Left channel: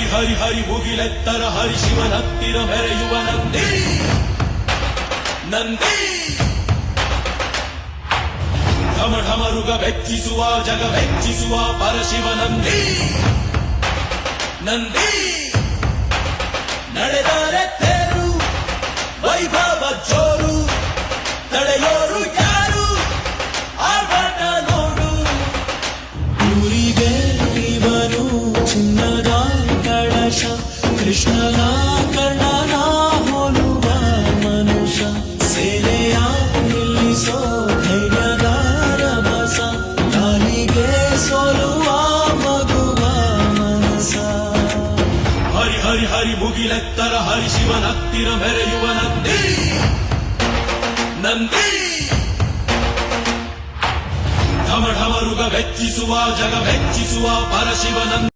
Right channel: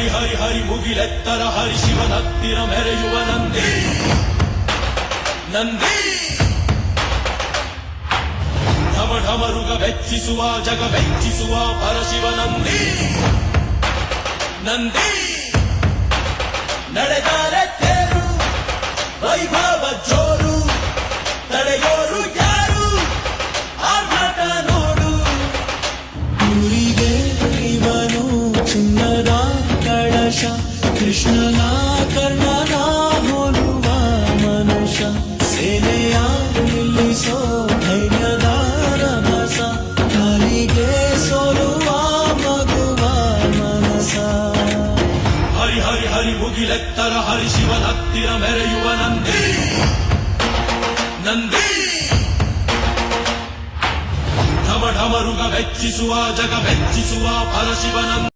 ಹರಿ ಹರಿ ಹರಿ ಮುಗಿಲೆತ್ತರ ಹರಿ ಶಿವನತ್ತಿರ ಮೆರೆಯುವ ನಂದಿ ನಂದಿ ಢಮ ಢಮರುಗ ಬೆಚ್ಚಿಸುವ ಜಗ ಬೆಚ್ಚಿಸುವ ಪರಶಿವ ನಂದಿ ನಂದಿ ನಡೆದಾರೆ ತೇರು ವೈಭವ ಜೋರು ತಡೆಯೋರು ಯಾರು ಆರ್ಭಟ ನೋಡು ಊರಿಗೆ ಇವನು ಚಿನ್ನದ ಕಳಶ ಕೃಷ್ಣನ ಕರ್ಣನ ಹೋಲುವ ಮನುಷ್ಯ ಸೇನೆಯ ನಿಲ್ಲಿಸೋ ಧೈರ್ಯದ ರಭಸ ಕಾಲಿಗೆ ಸೋಲುವ ಮಗುವ ಮನಸ ಹರಿ ಹರಿ ಹರಿ ಮುಗಿಲೆತ್ತರ ಹರಿ ಶಿವನತ್ತಿರ ಮೆರೆಯುವ ನಂದಿ ನಂದಿ ಢಮ ಢಮರುಗ ಬೆಚ್ಚಿಸುವ ಜಗ ಬೆಚ್ಚಿಸುವ ಪರಶಿವ ನಂದಿ